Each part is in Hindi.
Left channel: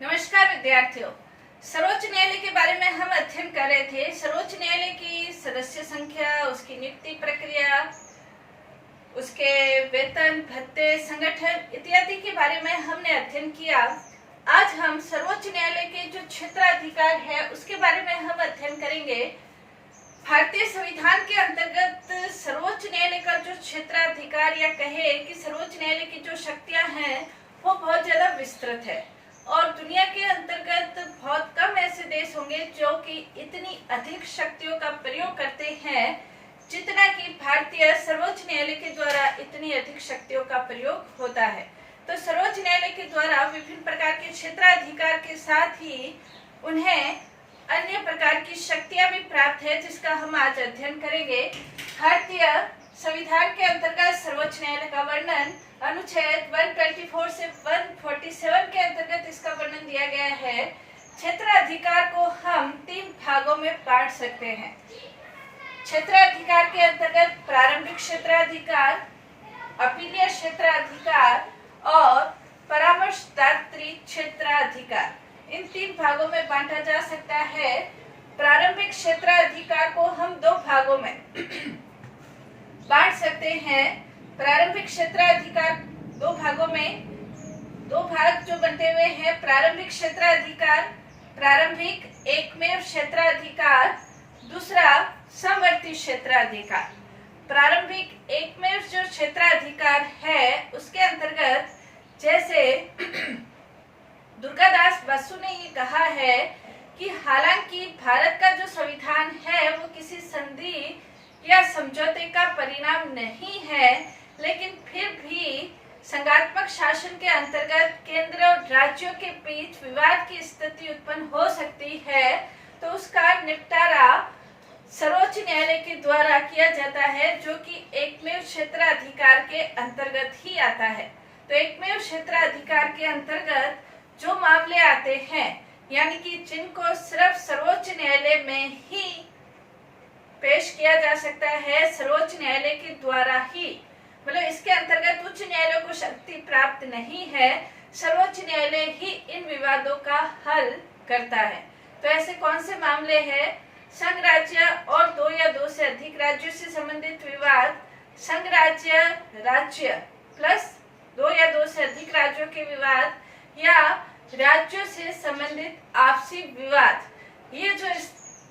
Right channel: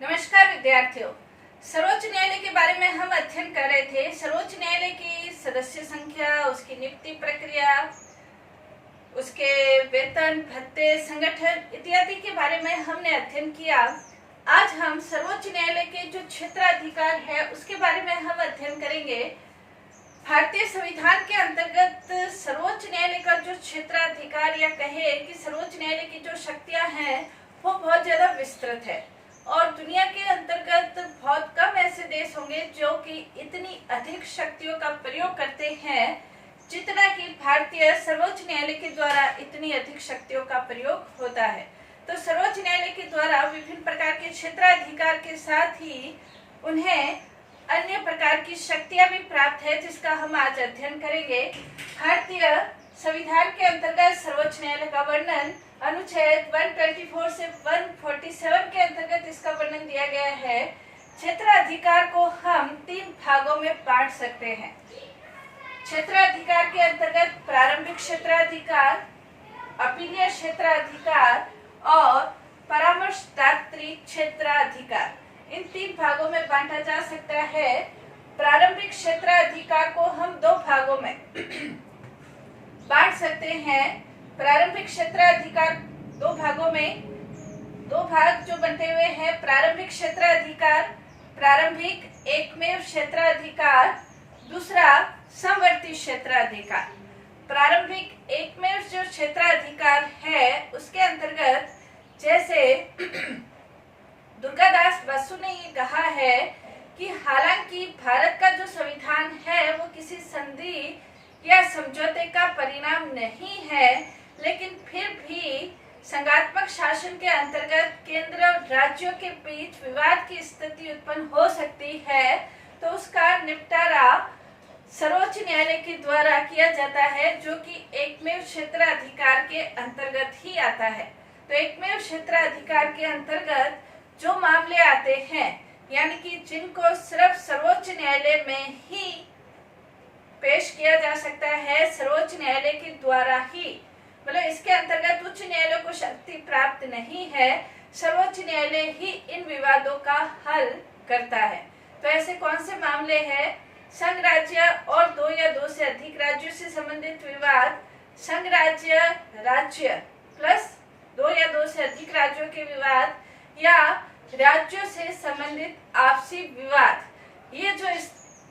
नमस्कार विद्यार्थियों। सर्वोच्च न्यायालय के बारे में हम अध्ययन कर रहे थे। सर्वोच्च न्यायालय की सदस्य संख्या, उसकी नियुक्ति प्रक्रिया, उसके वेतन, भत्ते, संगठन इत्यादि के बारे में हमने अध्ययन किया। आज हम सर्वोच्च न्यायालय के जो क्षेत्राधिकार है उसके बारे में हम अध्ययन करेंगे। भारतीय संविधान के अंतर्गत सर्वोच्च न्यायालय का जो क्षेत्राधिकार या कहे कि सर्वोच्च न्यायालय की जो शक्तियां हैं वो बहुत ज्यादा विस्तृत है और दुनिया के अंतर्गत बहुत कम ऐसे देश होंगे जो कि इतनी अधिक शक्तियों का प्रयोग करते हैं जितना कि भारतीय सर्वोच्च न्यायालय के द्वारा इतनी अधिक शक्तियों का प्रयोग होता है। तो सर्वोच्च न्यायालय के द्वारा विभिन्न प्रकार के क्षेत्राधिकार के साथ ही उन्हें अन्य प्रकार की शक्तियां भी प्राप्त है, जिसका हम आज अध्ययन करेंगे। भारतीय संविधान के अंतर्गत सर्वोच्च न्यायालय का वर्णन अनुच्छेद 124 से 147 के अंतर्गत इसका वर्णन दिया गया है। क्षेत्राधिकार को हम 3 भागों में बांट सकते हैं। क्षेत्राधिकार के अंतर्गत प्रारंभिक क्षेत्राधिकार, अपीलीय क्षेत्राधिकार और परामर्शदात्री क्षेत्राधिकार, इन 3 भागों में बांटा जा सकता है। प्रारंभिक क्षेत्राधिकार को हम 2 भागों में बांट सकते हैं। प्रारंभिक क्षेत्राधिकार 2 भागों में 2 भाग जो बनते हुए हैं। प्रारंभिक क्षेत्राधिकार, प्रारंभिक एकमेव क्षेत्राधिकार, दूसरा समवर्ती क्षेत्राधिकार। प्रारंभिक एकमेव जो क्षेत्राधिकार है उसके अंतर्गत जैसे दुर्गादास बसु ने ये कहा है कि हालांकि भारत का जो संविधान है वो किसी संधि या समझौते का परिणाम नहीं है, लेकिन फिर भी संघात्मक शासन के अंतर्गत केंद्र और राज्यों के बीच विवाद की स्थिति उत्पन्न हो सकती है, तो उसका निपटारा सर्वोच्च न्यायालय के द्वारा किया जाता है, जो कि एकमेव क्षेत्राधिकार के अंतर्गत ही आता है। तो एकमेव क्षेत्राधिकार के अंतर्गत जो मामले आते हैं, यानी कि जिनको सिर्फ सर्वोच्च न्यायालय में ही पेश किया जा सकता है, सर्वोच्च न्यायालय के द्वारा ही, मतलब इसके अंतर्गत उच्च न्यायालय को शक्ति प्राप्त नहीं है, सर्वोच्च न्यायालय ही इन विवादों का हल करता है। तो ऐसे कौन से मामले हैं? संघ राज्य और 2 या 2 से अधिक राज्यों से संबंधित विवाद, संघ राज्य राज्य प्लस 2 या 2 से अधिक राज्यों के विवाद, या राज्यों से संबंधित आपसी विवाद। ये जो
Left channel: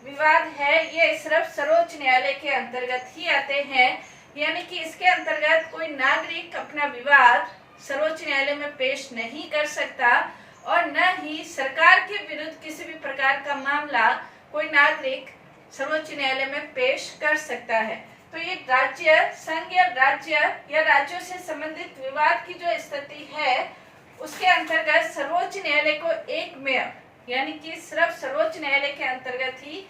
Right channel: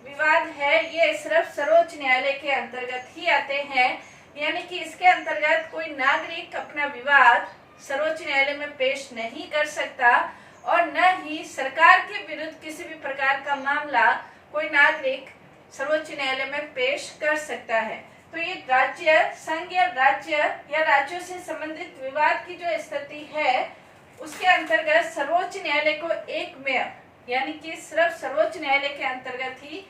विवाद है ये सिर्फ सर्वोच्च न्यायालय के अंतर्गत ही आते हैं, यानी कि इसके अंतर्गत कोई नागरिक अपना विवाद सर्वोच्च न्यायालय में पेश नहीं कर सकता और न ही सरकार के विरुद्ध किसी भी प्रकार का मामला कोई नागरिक सर्वोच्च न्यायालय में पेश कर सकता है। तो ये राज्य, संघ या राज्यों से संबंधित विवाद की जो स्थिति है उसके अंतर्गत सर्वोच्च न्यायालय को एकमेव, यानी कि सिर्फ सर्वोच्च न्यायालय के अंतर्गत ही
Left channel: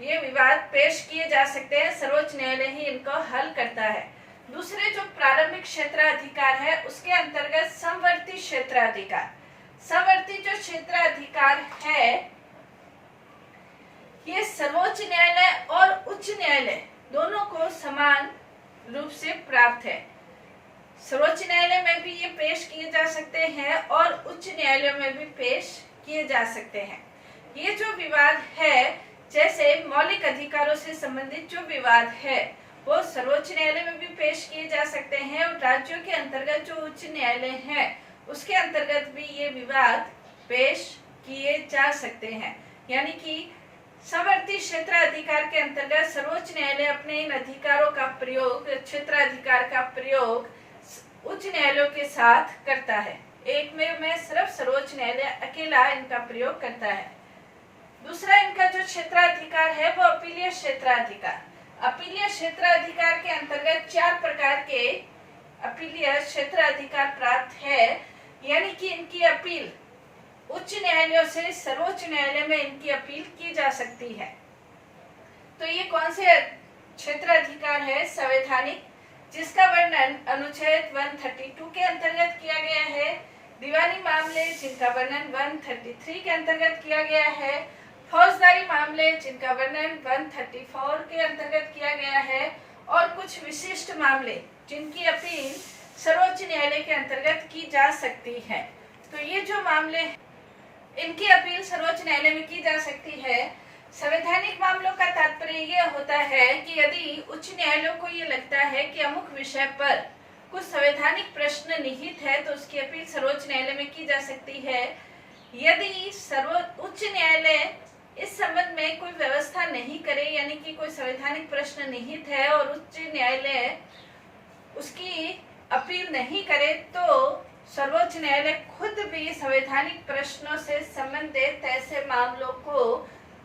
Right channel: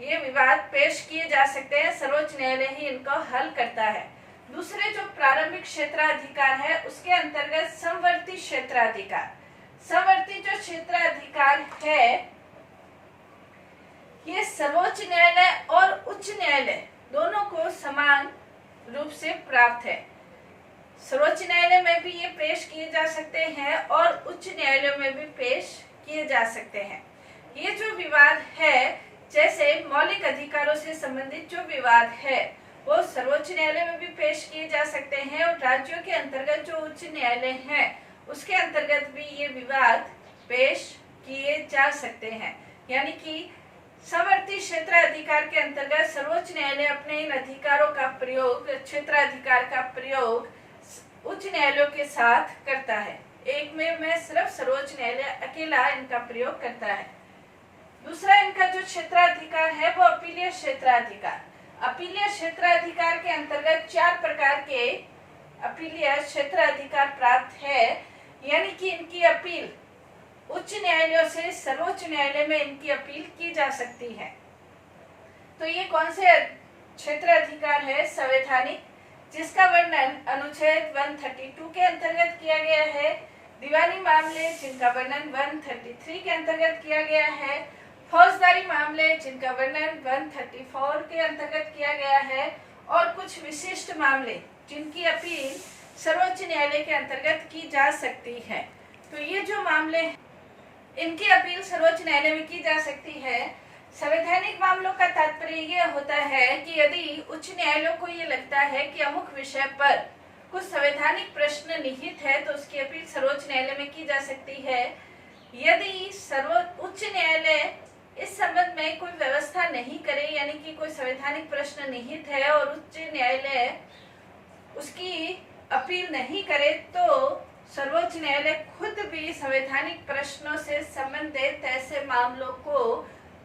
ये विवाद पेश किए जा सकते हैं, सर्वोच्च न्यायालय ही इनको हल करता है। दूसरे जो प्रारंभिक क्षेत्राधिकार है उसके अंतर्गत समवर्ती क्षेत्राधिकार। समवर्ती जो क्षेत्राधिकार है ये सर्वोच्च न्यायालय और उच्च न्यायालय दोनों को समान रूप से प्राप्त है। सर्वोच्च न्यायालय में भी ये पेश किए जा सकते हैं और उच्च न्यायालय में भी पेश किए जा सकते हैं। ये जो विवाद है, जैसे मौलिक अधिकारों से संबंधित जो विवाद है वो सर्वोच्च न्यायालय में भी पेश किए जा सकते हैं और राज्यों के अंतर्गत जो उच्च न्यायालय है उसके अंतर्गत भी ये विवाद पेश किए जा सकते हैं। यानी कि समवर्ती क्षेत्राधिकार के अंतर्गत सर्वोच्च न्यायालय अपने इन अधिकारों का प्रयोग, क्षेत्राधिकार का प्रयोग उच्च न्यायालयों के साथ करता है। एकमेव में सिर्फ सर्वोच्च न्यायालय अकेला इनका प्रयोग करता है। दूसरा इनका जो क्षेत्राधिकार है वो अपीलीय क्षेत्राधिकार। अपीलीय क्षेत्राधिकार के अंतर्गत 4 प्रकार के अपीलीय क्षेत्राधिकार प्राप्त है, यानी कि इनकी अपील उच्च न्यायालयों से सर्वोच्च न्यायालय में इनकी अपील की जा सकती है। तो ये कौन से क्षेत्राधिकार है? संवैधानिक, जिसका वर्णन अनुच्छेद 132 के अंतर्गत किया गया है। दीवानी मामले, जिनका वर्णन 133 के अंतर्गत किया गया है। फौजदारी मामले, जिनका वर्णन 134 के अंतर्गत किया गया है। और कुछ विशिष्ट मामले जिनकी अपील सर्वोच्च न्यायालय के अंतर्गत की जा सकती है। तो ये जो मामले इनकी अपील सर्वोच्च न्यायालय में की जा सकती है। संवैधानिक मामलों का तात्पर्य ये होता है कि यदि उच्च न्यायालयों को ये लगता है कि अमुक विषय पर कुछ संवैधानिक प्रश्न निहित है तो उसकी अपील सर्वोच्च न्यायालय में की जा सकती है। यदि उच्च न्यायालय इस संबंध में कोई व्यवस्था नहीं करे, यानी कि कोई संवैधानिक प्रश्न निहित है और उच्च न्यायालय उसकी अपील नहीं करे, तो सर्वोच्च न्यायालय खुद भी संवैधानिक प्रश्नों से संबंधित ऐसे मामलों को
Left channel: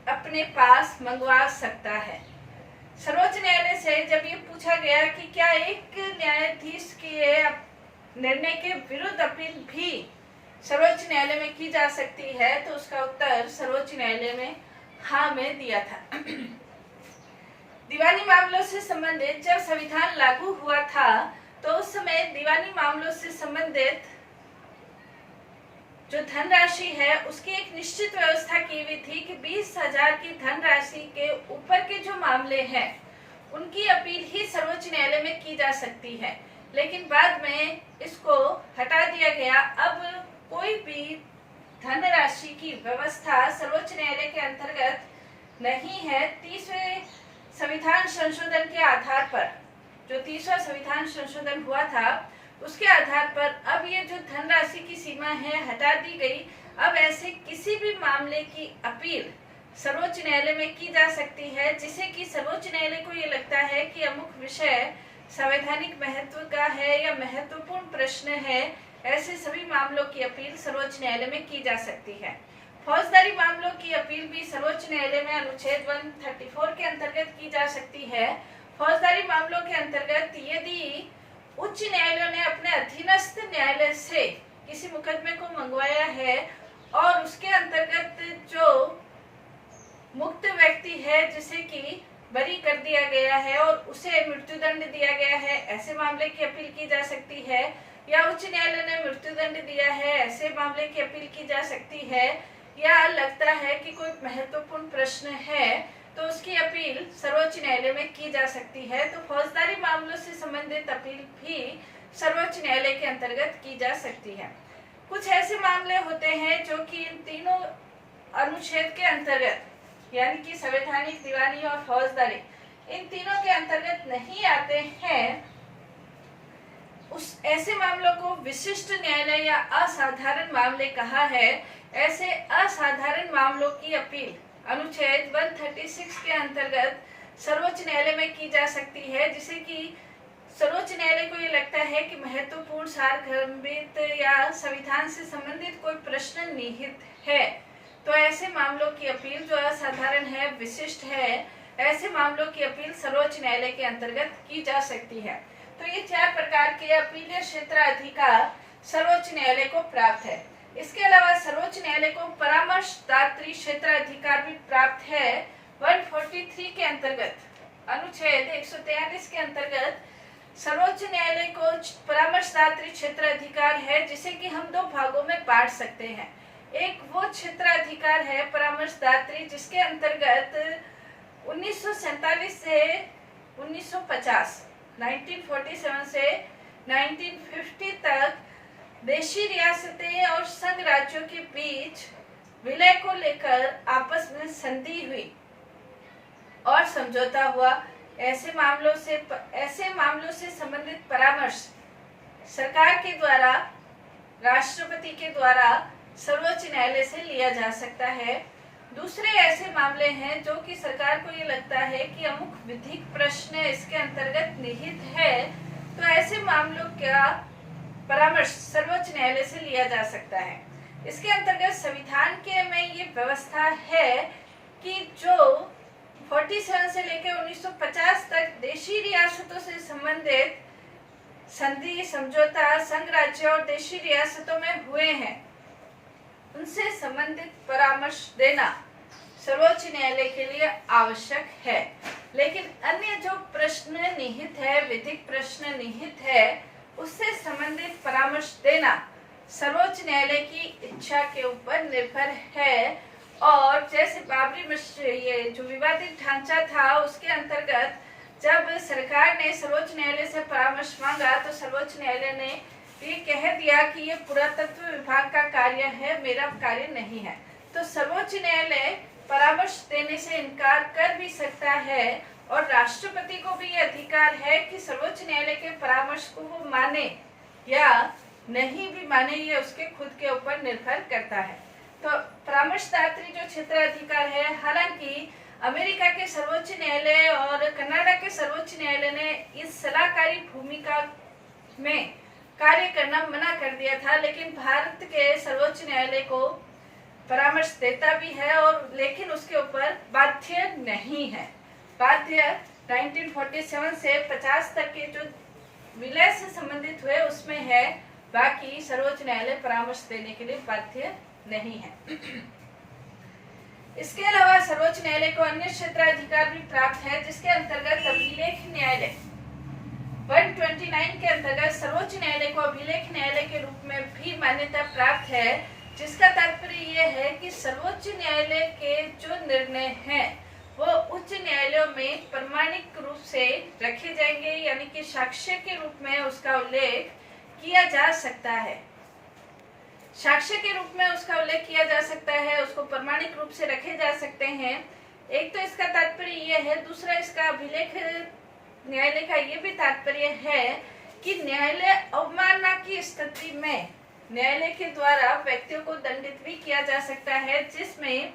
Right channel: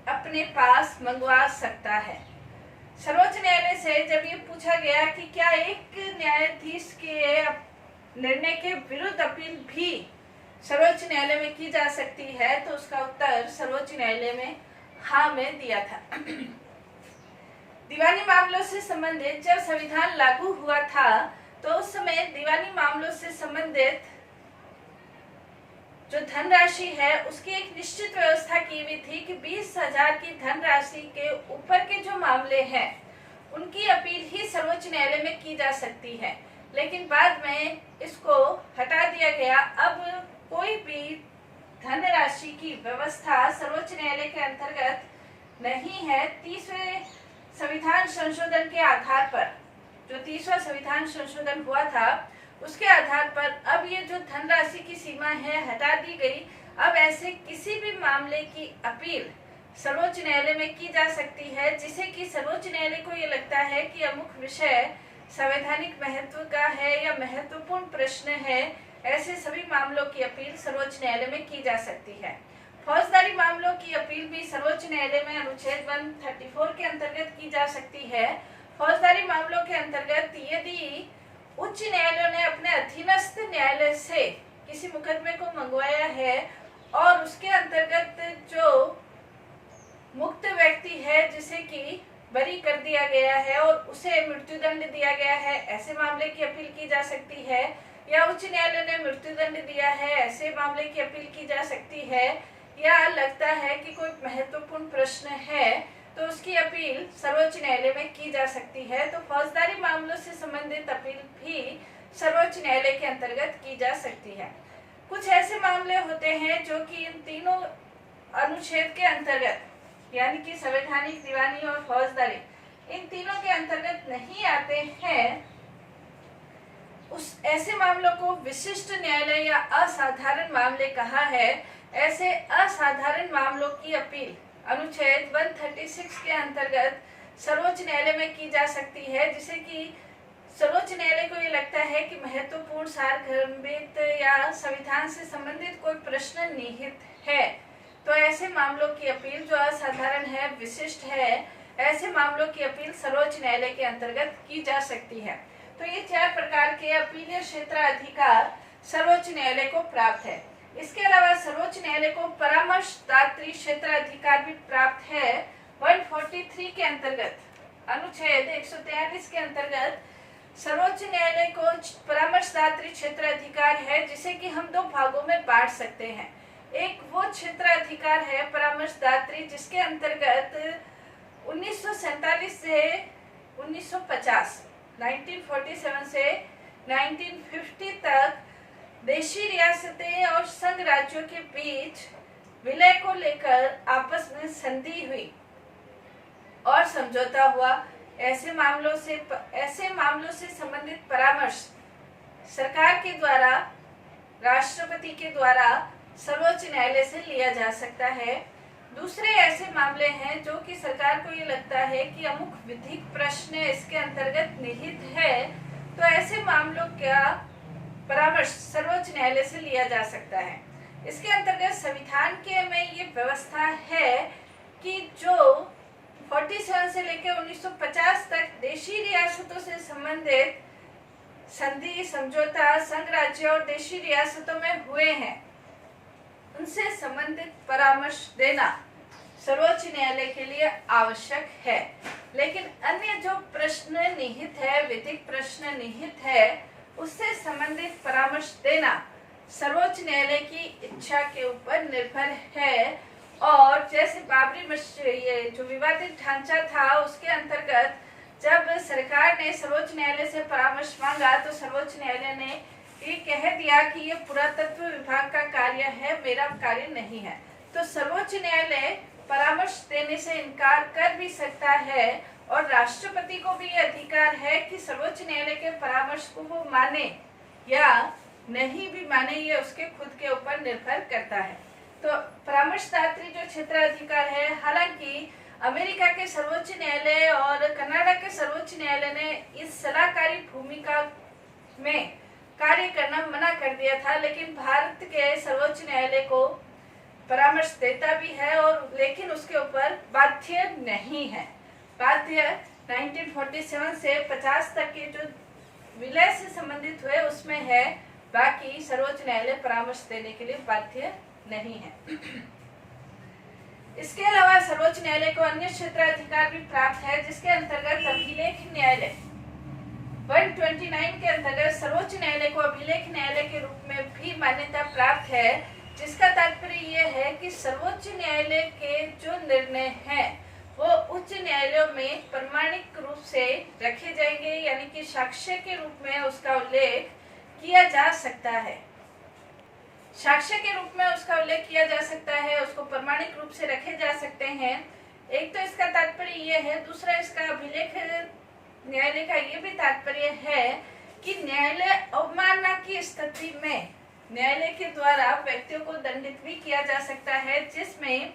अपने पास मंगवा सकता है। सर्वोच्च न्यायालय से जब ये पूछा गया कि क्या एक न्यायाधीश के निर्णय के विरुद्ध अपील भी सर्वोच्च न्यायालय में की जा सकती है, तो उसका उत्तर सर्वोच्च न्यायालय में हाँ में दिया था। दीवानी मामलों से संबंधित जब संविधान लागू हुआ था तो उस समय दीवानी मामलों से संबंधित जो धनराशि है उसकी एक निश्चित व्यवस्था की हुई थी कि 20,000 की धनराशि के ऊपर के जो मामले हैं उनकी अपील ही सर्वोच्च न्यायालय में की जा सकती है। लेकिन बाद में इसको हटा दिया गया। अब कोई भी धनराशि की व्यवस्था सर्वोच्च न्यायालय के अंतर्गत नहीं है। 30वें संविधान संशोधन के आधार पर, जो 30वां संविधान संशोधन हुआ था उसके आधार पर अब ये जो धनराशि की सीमा है हटा दी गई। अब ऐसे किसी भी मामले की अपील सर्वोच्च न्यायालय में की जा सकती है जिसे कि सर्वोच्च न्यायालय को ये लगता है कि अमुक विषय संवैधानिक महत्व का है या महत्वपूर्ण प्रश्न है। ऐसे सभी मामलों की अपील सर्वोच्च न्यायालय में की जा सकती है। फौजदारी मामलों की अपील भी सर्वोच्च न्यायालय में अनुच्छेद 134 के अंतर्गत की जा सकती है। फौजदारी मामलों के अंतर्गत यदि उच्च न्यायालयों ने अपने अधीनस्थ न्यायालय से किसी मुकदमे को मंगवाया है और उसके अंतर्गत जो मुक्त व्यक्ति है जिसे कि बरी कर दिया गया है और उसे मृत्युदंड दिया गया है, ऐसे मामले की अपील की जा सकती है। या उच्च न्यायालय ने मृत्युदंड दिया है, ऐसे मामले की अपील की जा सकती है। या लगता है कि कोई महत्वपूर्ण प्रश्न है तो उसकी अपील सर्वोच्च न्यायालय में की जा सकती है। तो फौजदारी मामलों से संबंधित अपील भी सर्वोच्च न्यायालय के अंतर्गत की जा सकती है। कुछ ऐसे मामले होते हैं जो कि इन तीनों अनुच्छेद के अंतर्गत, यानी कि संवैधानिक, दीवानी और फौजदारी, इन तीनों के अंतर्गत नहीं आते हैं। उस ऐसे मामलों को विशिष्ट न्यायालय या असाधारण मामले कहा है। ऐसे असाधारण मामलों की अपील अनुच्छेद 136 के अंतर्गत सर्वोच्च न्यायालय में की जा सकती है, जिसे कि सर्वोच्च न्यायालय को ये लगता है कि महत्वपूर्ण, सारगर्भित या संविधान से संबंधित कोई प्रश्न निहित है। तो ऐसे मामलों की अपील जो असाधारण है, विशिष्ट है, ऐसे मामलों की अपील सर्वोच्च न्यायालय के अंतर्गत की जा सकती है। तो ये 4 प्रकार के अपीलीय क्षेत्राधिकार सर्वोच्च न्यायालय को प्राप्त है। इसके अलावा सर्वोच्च न्यायालय को परामर्शदात्री क्षेत्राधिकार भी प्राप्त है। 143 के अंतर्गत, अनुच्छेद 143 के अंतर्गत सर्वोच्च न्यायालय को परामर्शदात्री क्षेत्राधिकार है, जिसे कि हम 2 भागों में बांट सकते हैं। एक वो क्षेत्राधिकार है परामर्शदात्री जिसके अंतर्गत 1947 से 1950, 1947 से 1950 तक देशी रियासतें और संघ राज्यों के बीच विलय को लेकर आपस में संधि हुई और समझौता हुआ। ऐसे मामलों से संबंधित परामर्श सरकार के द्वारा, राष्ट्रपति के द्वारा सर्वोच्च न्यायालय से लिया जा सकता है। दूसरे ऐसे मामले हैं जो कि सरकार को ये लगता है कि अमुक विधिक प्रश्न इसके अंतर्गत निहित है, तो ऐसे मामलों का परामर्श सर्वोच्च न्यायालय से लिया जा सकता है। इसके अंतर्गत संविधान के में ये व्यवस्था है कि जो 47 से लेकर 1950 तक देशी रियासतों से संबंधित संधि, समझौता संघ राज्य और देशी रियासतों में हुए हैं, उनसे संबंधित परामर्श देना सर्वोच्च न्यायालय के लिए आवश्यक है। लेकिन अन्य जो प्रश्न निहित है, विधिक प्रश्न निहित है, उससे संबंधित परामर्श देना सर्वोच्च न्यायालय की इच्छा के ऊपर निर्भर है। और जैसे बाबरी मस्जिद, ये जो विवादित ढांचा था, उसके अंतर्गत जब सरकार ने सर्वोच्च न्यायालय से परामर्श मांगा तो सर्वोच्च न्यायालय ने ये कह दिया कि ये पुरातत्व विभाग का कार्य है, मेरा कार्य नहीं है। तो सर्वोच्च न्यायालय परामर्श देने से इनकार कर भी सकता है और राष्ट्रपति को भी ये अधिकार है कि सर्वोच्च न्यायालय के परामर्श को वो माने या नहीं भी माने, ये उसके खुद के ऊपर निर्भर करता है। तो परामर्शदात्री जो क्षेत्राधिकार है, हालांकि अमेरिका के सर्वोच्च न्यायालय और कनाडा के सर्वोच्च न्यायालय ने इस सलाहकारी भूमिका में कार्य करना मना कर दिया था, लेकिन भारत के सर्वोच्च न्यायालय को परामर्श देता भी है और लेकिन उसके ऊपर बाध्य नहीं है। बाध्य 1947 से 50 तक के जो विलय से संबंधित हुए उसमें है, बाकी सर्वोच्च न्यायालय परामर्श देने के लिए बाध्य नहीं है। इसके अलावा सर्वोच्च न्यायालय को अन्य क्षेत्राधिकार भी प्राप्त है, जिसके अंतर्गत अभिलेख न्यायालय 129 के अंतर्गत सर्वोच्च न्यायालय को अभिलेख न्यायालय के रूप में भी मान्यता प्राप्त है, जिसका तात्पर्य यह है कि सर्वोच्च न्यायालय के जो निर्णय हैं वो उच्च न्यायालयों में प्रमाणिक रूप से रखे जाएंगे, यानी कि साक्ष्य के रूप में उसका उल्लेख किया जा सकता है। साक्ष्य के रूप में उसका उल्लेख किया जा सकता है, उसको प्रमाणिक रूप से रखे जा सकते हैं। एक तो इसका तात्पर्य यह है, दूसरा इसका अभिलेख न्यायालय का ये भी तात्पर्य है कि न्यायालय अवमानना की स्थिति में न्यायालय के द्वारा व्यक्तियों को दंडित भी किया जा सकता है, जिसमें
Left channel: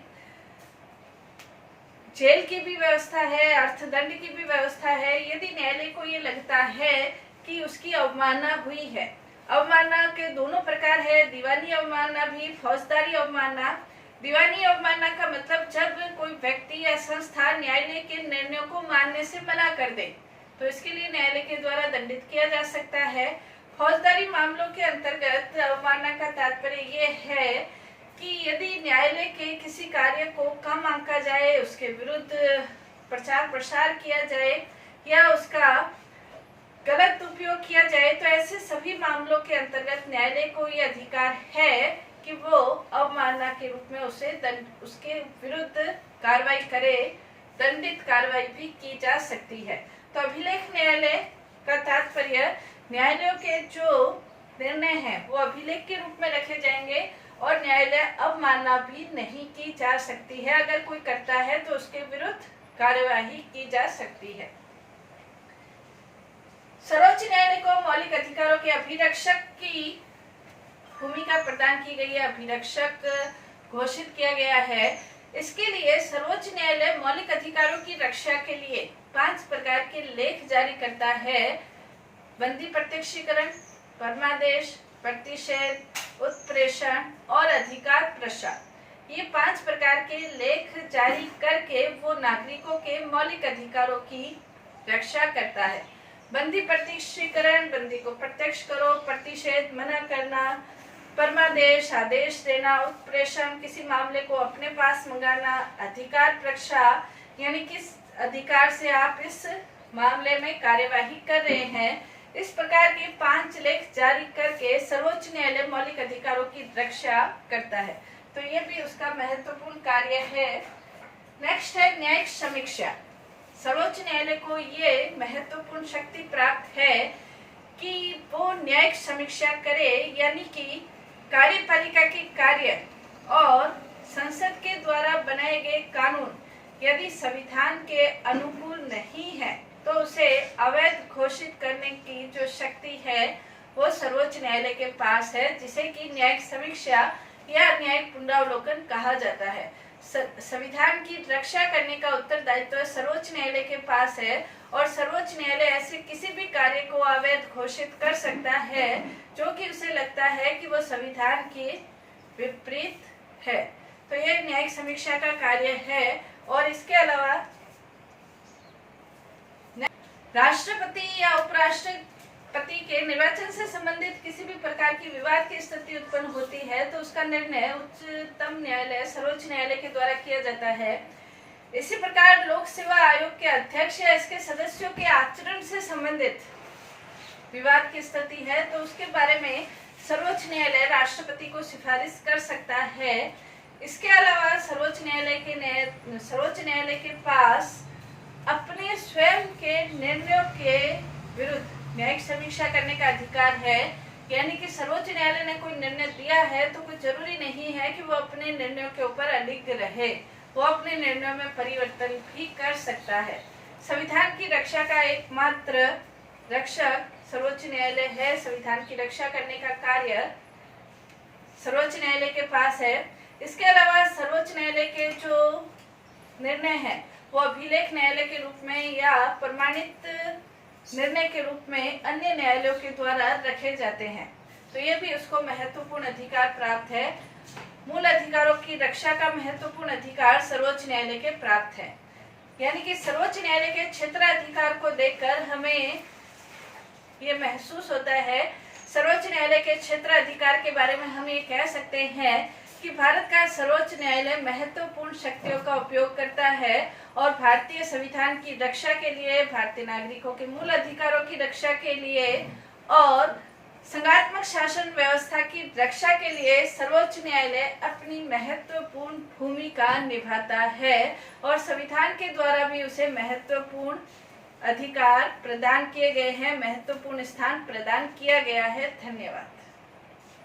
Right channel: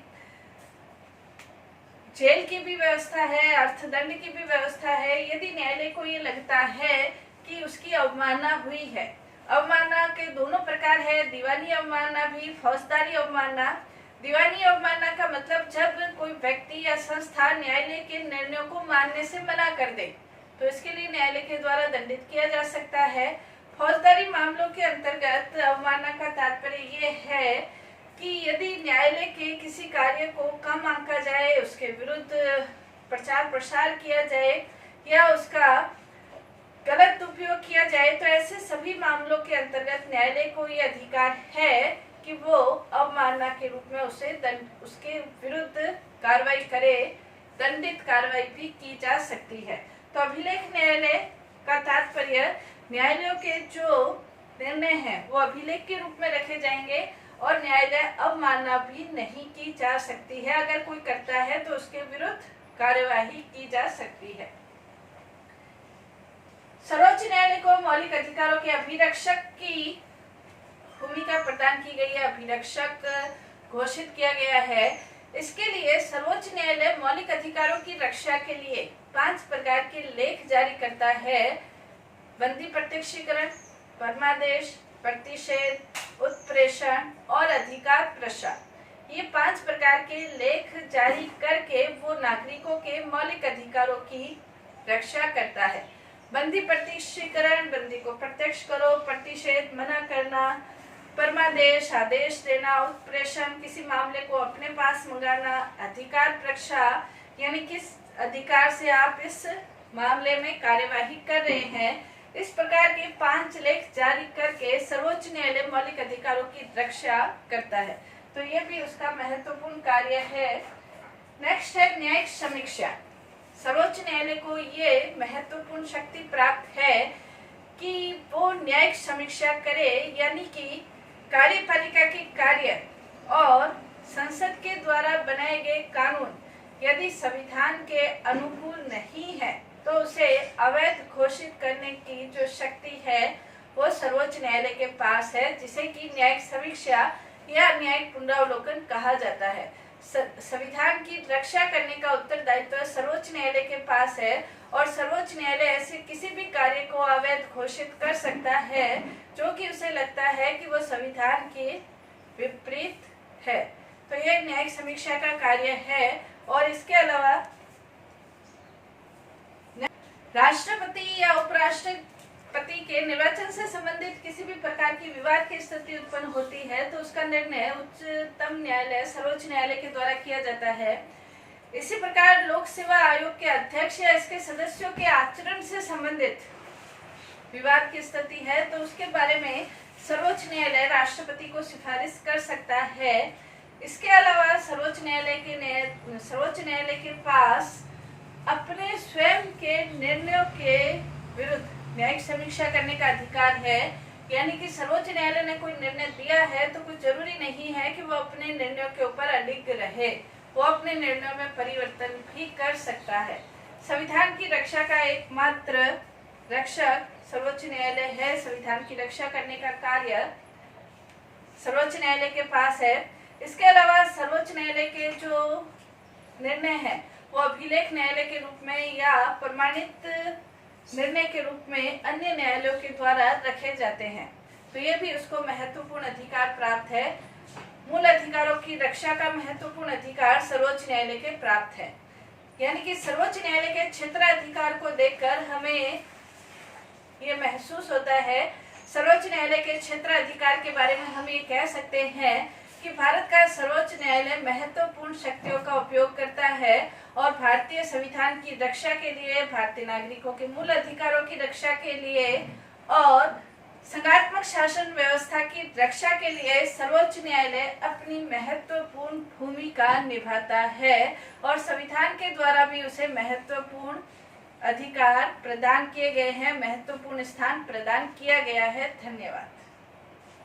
जेल की भी व्यवस्था है, अर्थदंड की भी व्यवस्था है, यदि न्यायालय को ये लगता है कि उसकी अवमानना हुई है। अवमानना के दोनों प्रकार है, दीवानी अवमानना भी, फौजदारी अवमानना। दीवानी अवमानना का मतलब जब कोई व्यक्ति या संस्था न्यायालय के निर्णयों को मानने से मना कर दे, तो इसके लिए न्यायालय के द्वारा दंडित किया जा सकता है। फौजदारी मामलों के अंतर्गत अवमानना का तात्पर्य ये है कि यदि न्यायालय के किसी कार्य को कम आंका जाए, उसके विरुद्ध प्रचार प्रसार किया जाए या उसका गलत उपयोग किया जाए, तो ऐसे सभी मामलों के अंतर्गत न्यायालय को ये अधिकार है कि वो अवमानना के रूप में उसके विरुद्ध कार्रवाई करे, दंडित कार्रवाई भी की जा सकती है। तो अभिलेख न्यायालय का तात्पर्य न्यायालयों के जो निर्णय हैं वो अभिलेख के रूप में रखे जाएंगे और न्यायालय अवमानना भी नहीं की जा सकती है। अगर कोई करता है तो उसके विरुद्ध कार्यवाही की जा सकती है। सर्वोच्च न्यायालय को मौलिक अधिकारों के अभिरक्षक की भूमिका प्रदान की गई है, अभिरक्षक घोषित किया गया है। इसके लिए सर्वोच्च न्यायालय मौलिक अधिकारों की रक्षा के लिए 5 प्रकार के लेख जारी करता है: बंदी प्रत्यक्षीकरण, परमादेश, प्रतिषेध, उत्प्रेषण और अधिकार प्रसार। ये 5 प्रकार के लेख जारी करके वो नागरिकों के मौलिक अधिकारों की रक्षा करता है। बंदी प्रत्यक्षीकरण, बंदी को प्रत्यक्ष करो, प्रतिषेध मना करना, परमादेश आदेश देना, उत्प्रेषण किसी मामले को अपने पास मंगाना, अधिकार प्रसार यानी किस अधिकार से आप इस मामले में कार्यवाही कर रहे हैं। इस प्रकार के 5 लेख जारी करके सर्वोच्च न्यायालय मौलिक अधिकारों की रक्षा करता है, तो ये भी उसका महत्वपूर्ण कार्य है। नेक्स्ट है न्यायिक समीक्षा। सर्वोच्च न्यायालय को ये महत्वपूर्ण शक्ति प्राप्त है कि वो न्यायिक समीक्षा करे, यानी कि कार्यपालिका के कार्य और संसद के द्वारा बनाए गए कानून यदि संविधान के अनुकूल नहीं है तो उसे अवैध घोषित करने की जो शक्ति है वो सर्वोच्च न्यायालय के पास है, जिसे कि न्यायिक समीक्षा या न्यायिक पुनरावलोकन कहा जाता है। संविधान की रक्षा करने का उत्तरदायित्व सर्वोच्च न्यायालय के पास है और सर्वोच्च न्यायालय ऐसे किसी भी कार्य को अवैध घोषित कर सकता है जो कि उसे लगता है कि वो संविधान के विपरीत है। तो ये न्यायिक समीक्षा का कार्य है। और इसके अलावा राष्ट्रपति या उपराष्ट्रपति के निर्वाचन से संबंधित किसी भी प्रकार की विवाद की स्थिति उत्पन्न होती है तो उसका निर्णय उच्चतम न्यायालय सर्वोच्च न्यायालय के द्वारा किया जाता है। इसी प्रकार लोक सेवा आयोग के अध्यक्ष या इसके सदस्यों के आचरण से संबंधित विवाद की स्थिति है तो उसके बारे में सर्वोच्च न्यायालय राष्ट्रपति को सिफारिश कर सकता है। इसके अलावा सर्वोच्च न्यायालय के पास अपने स्वयं के निर्णयों के विरुद्ध न्यायिक समीक्षा करने का अधिकार है। यानी कि सर्वोच्च न्यायालय ने कोई निर्णय दिया है तो कुछ जरूरी नहीं है कि वो अपने निर्णयों के ऊपर अडिग रहे, वो अपने निर्णयों में परिवर्तन भी कर सकता है। संविधान की रक्षा का एकमात्र रक्षक सर्वोच्च न्यायालय है। संविधान की रक्षा करने का कार्य सर्वोच्च न्यायालय के पास है। इसके अलावा सर्वोच्च न्यायालय के जो निर्णय है वो अभिलेख न्यायालय के रूप में या प्रमाणित निर्णय के रूप में अन्य न्यायालयों के द्वारा रखे जाते हैं, तो ये भी उसको महत्वपूर्ण अधिकार प्राप्त है। मूल अधिकारों की रक्षा का महत्वपूर्ण अधिकार सर्वोच्च न्यायालय के प्राप्त है। यानी कि सर्वोच्च न्यायालय के क्षेत्राधिकार को देखकर हमें ये महसूस होता है, सर्वोच्च न्यायालय के क्षेत्राधिकार के बारे में हम ये कह सकते हैं कि भारत का सर्वोच्च न्यायालय महत्वपूर्ण शक्तियों का उपयोग करता है और भारतीय संविधान की रक्षा के लिए, भारतीय नागरिकों के मूल अधिकारों की रक्षा के लिए और संघात्मक शासन व्यवस्था की रक्षा के लिए सर्वोच्च न्यायालय अपनी महत्वपूर्ण भूमिका निभाता है और संविधान के द्वारा भी उसे महत्वपूर्ण अधिकार प्रदान किए गए हैं, महत्वपूर्ण स्थान प्रदान किया गया है। धन्यवाद।